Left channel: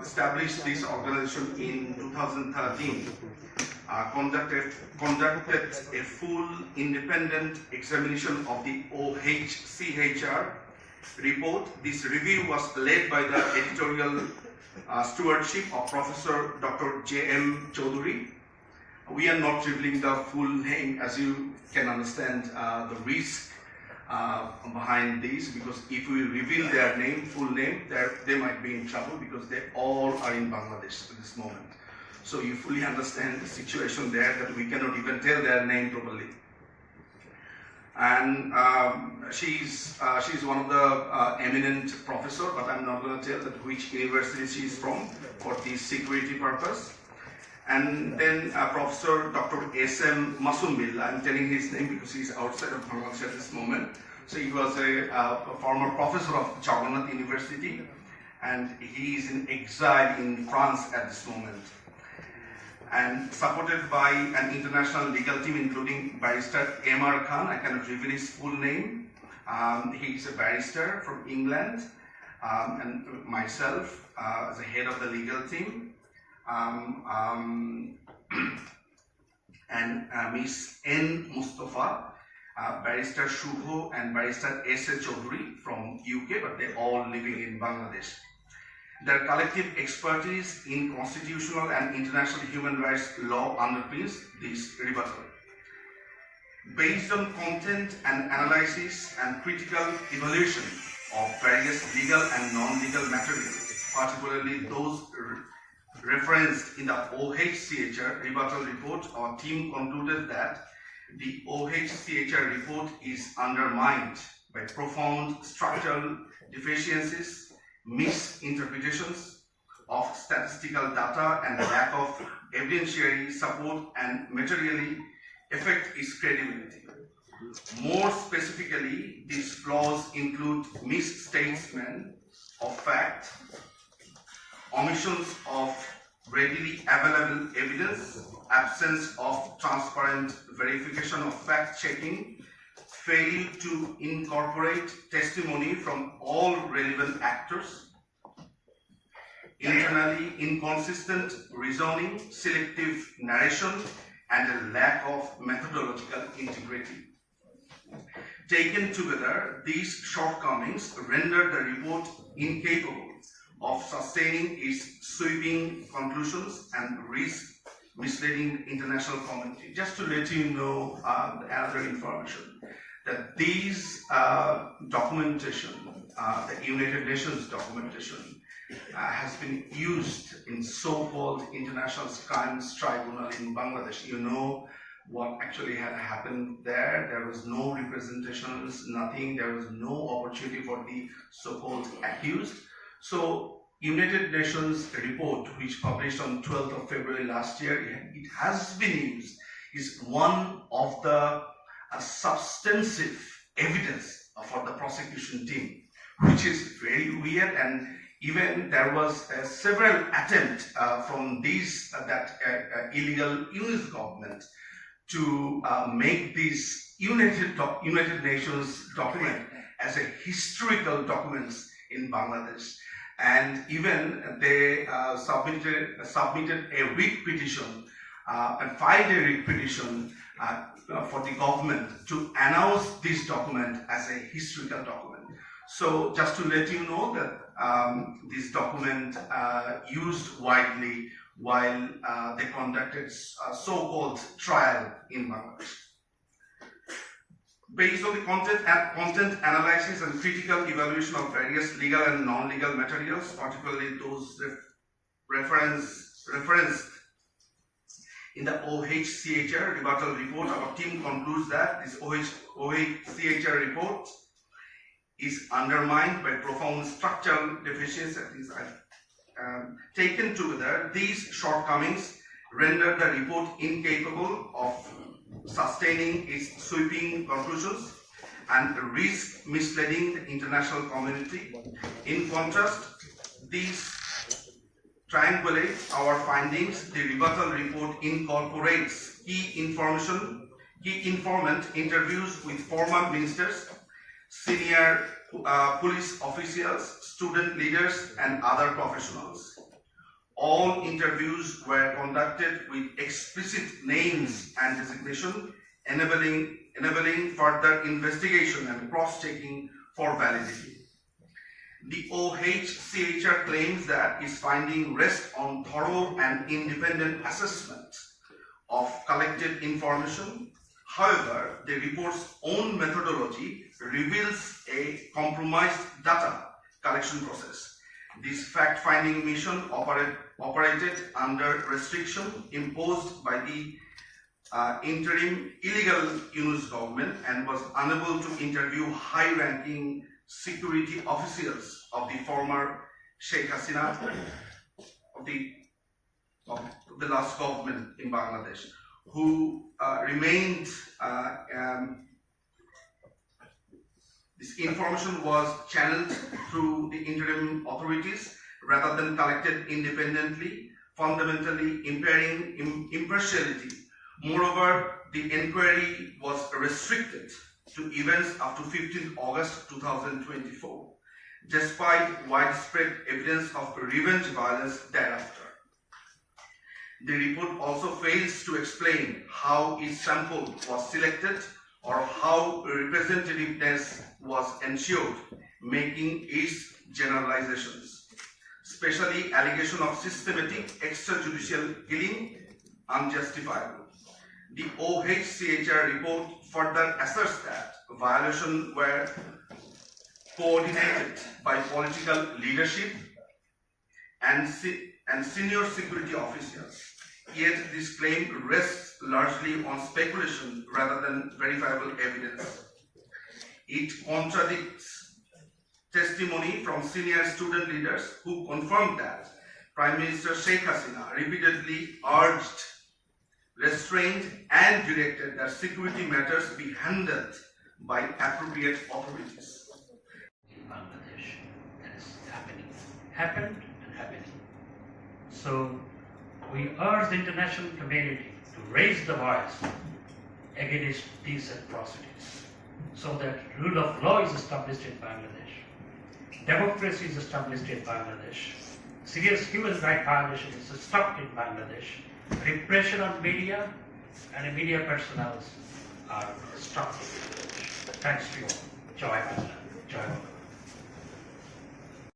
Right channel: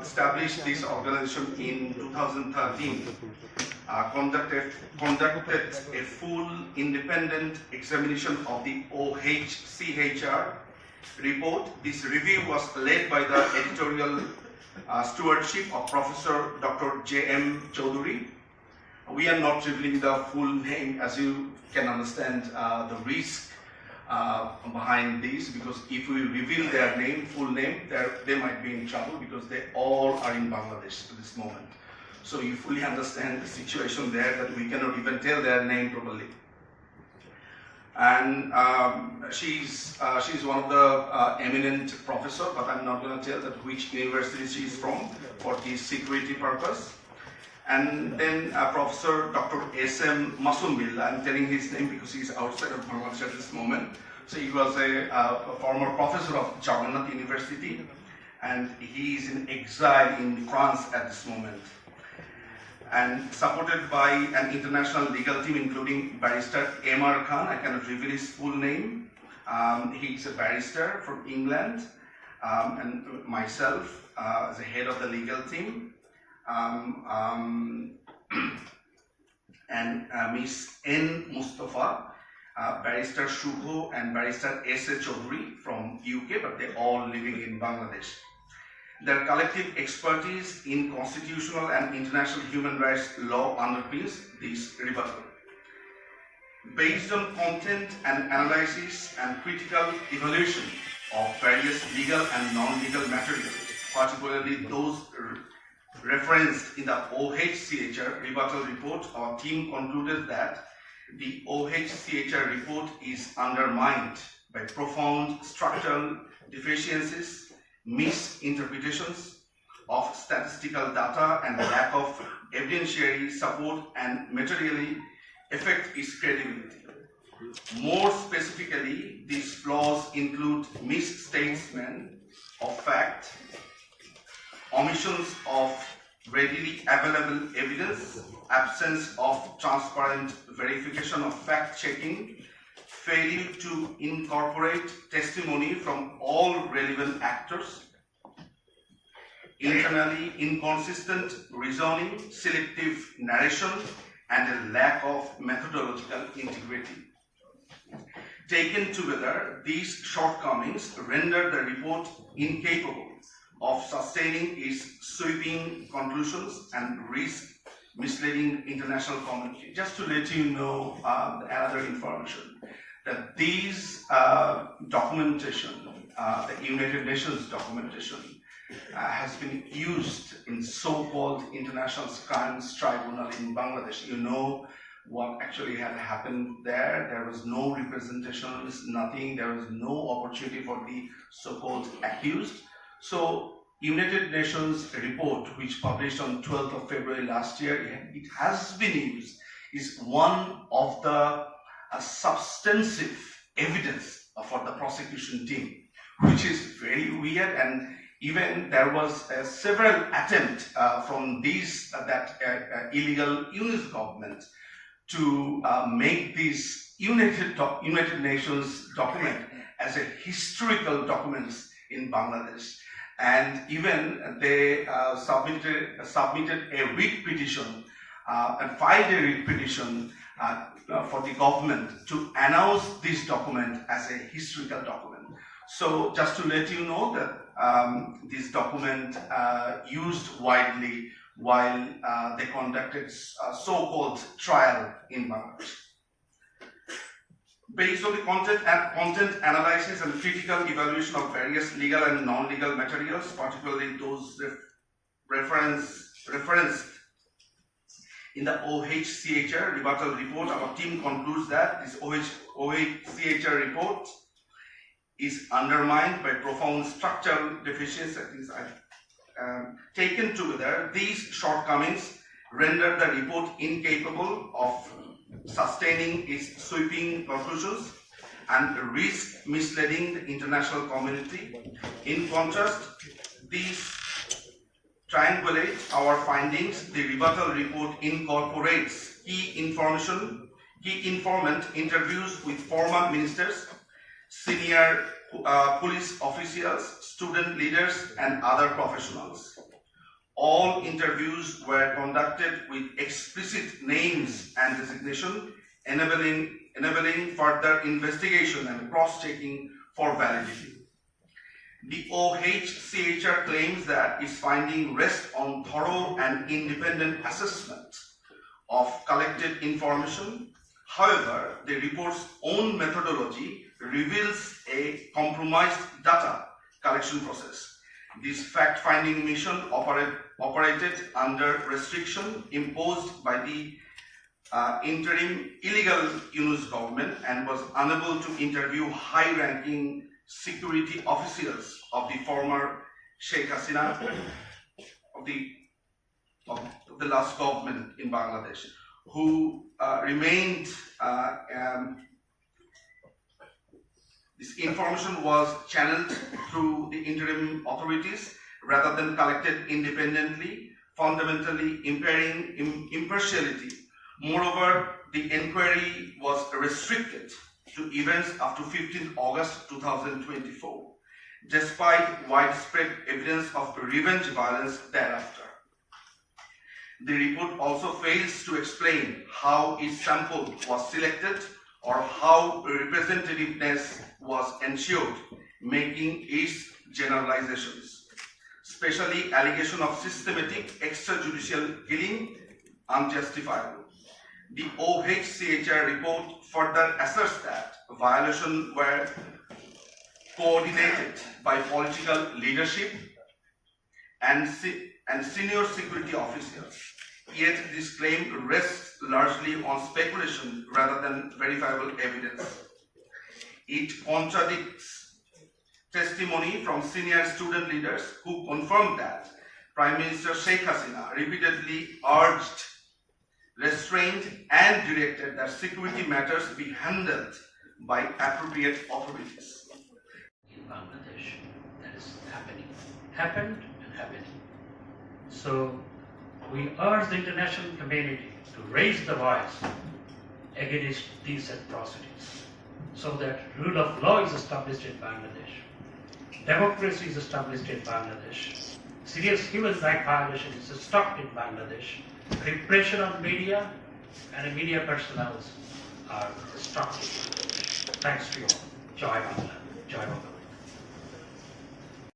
established this organization in 2013, conducted a full independent examination of the OHCHR report. This review was led by the editorial stewardship of Professor Dr. J.M. Chaudhary. We are not revealing the full name, as you can understand the risk behind this, because if we reveal their name, full name, they might be in trouble, because they all are in Bangladesh at this moment. So you fully understand the situation there, that we cannot even tell their name properly. And she's one of the eminent professor, but I'm not going to tell that which university she's from for the security purpose. And then Professor Dr. S.M. Masumbillah, I'm telling his name because he's outside of Bangladesh at this moment. So he was a former professor of Jagannath University, and he is in exile in France at this moment. And supported by an international legal team including barrister M.R. Khan, I cannot reveal his full name. He's a barrister from England, and myself as a head of the legal team. And Miss N. Mustafa, barrister Shubho and barrister S.A. Chaudhary from UK, but they're all living in Bangladesh. Their collective expertise in constitutional and international human rights law underpins this rebuttal. Based on content and analysis and critical evaluation of various legal and non-legal materials, particularly those referenced in the OHCHR rebuttal report, our team concluded that the OHCHR report is undermined by profound structural deficiencies, misinterpretations of statistical data, and lack of evidentiary support, and materially affect its credibility. More specifically, these flaws include misstatement of fact, omissions of readily available evidence, absence of transparent verification of fact-checking, failure to incorporate testimony from all relevant actors, internally inconsistent reasoning, selective narration, and a lack of methodological integrity. Taken together, these shortcomings render the report incapable of sustaining its sweeping conclusions and risk misleading the international community. Just to let you know another information, that these documentation, the United Nations documentation, has been used in so-called International Crimes Tribunal in Bangladesh. You know what actually had happened there. There was no representations, nothing. There was no opportunity for the so-called accused. So United Nations report, which published on 12th of February last year, it has been used, is one of the substantive evidence for the prosecution team, which is very weird. And even there was several attempts from these illegal US government to make this United Nations document as a historical documents in Bangladesh. And even they submitted a writ petition and filed a writ petition for the government to announce this document as a historical document. So just to let you know that this document used widely while they conducted a so-called trial in Bangladesh. Based on the content analysis and critical evaluation of various legal and non-legal materials, particularly those referenced in the OHCHR rebuttal report, our team concludes that this OHCHR report is undermined by profound structural deficiencies. Taken together, these shortcomings render the report incapable of sustaining its sweeping conclusions and risk misleading the international community. In contrast, these triangulate our findings. The rebuttal report incorporates key informant interviews with former ministers, senior police officials, student leaders, and other professionals. All interviews were conducted with explicit names and designation, enabling further investigation and cross-checking for validity. The OHCHR claims that its findings rest on thorough and independent assessment of collected information. However, the report's own methodology reveals a compromised data collection process. This fact-finding mission operated under restriction imposed by the interim illegal Yunus government and was unable to interview high-ranking security officials of the former Sheikh Hasina of the last government in Bangladesh, who remained. This information was channeled through the interim authorities rather than collected independently, fundamentally impairing impartiality. Moreover, the inquiry was restricted to events up to 15 August 2024, despite widespread evidence of revenge violence thereafter. The report also fails to explain how its sample was selected or how representativeness was ensured, making its generalizations, especially allegation of systematic extrajudicial killing, unjustifiable. The OHCHR report further asserts that violations were coordinated by political leadership and senior security officials. Yet this claim rests largely on speculation rather than verifiable evidence. It contradicts testimony from senior student leaders who confirmed that Prime Minister Sheikh Hasina repeatedly urged, restrained, and directed that security matters be handled by appropriate authorities. In Bangladesh, that is happened and happening. So we urge the international community to raise the voice against these atrocities so that rule of law is established in Bangladesh, democracy is established in Bangladesh, serious human rights violation is stopped in Bangladesh, repression on media and media personnel are stopped in Bangladesh. Thanks to you all. Joy Bangla. Joy Bangla.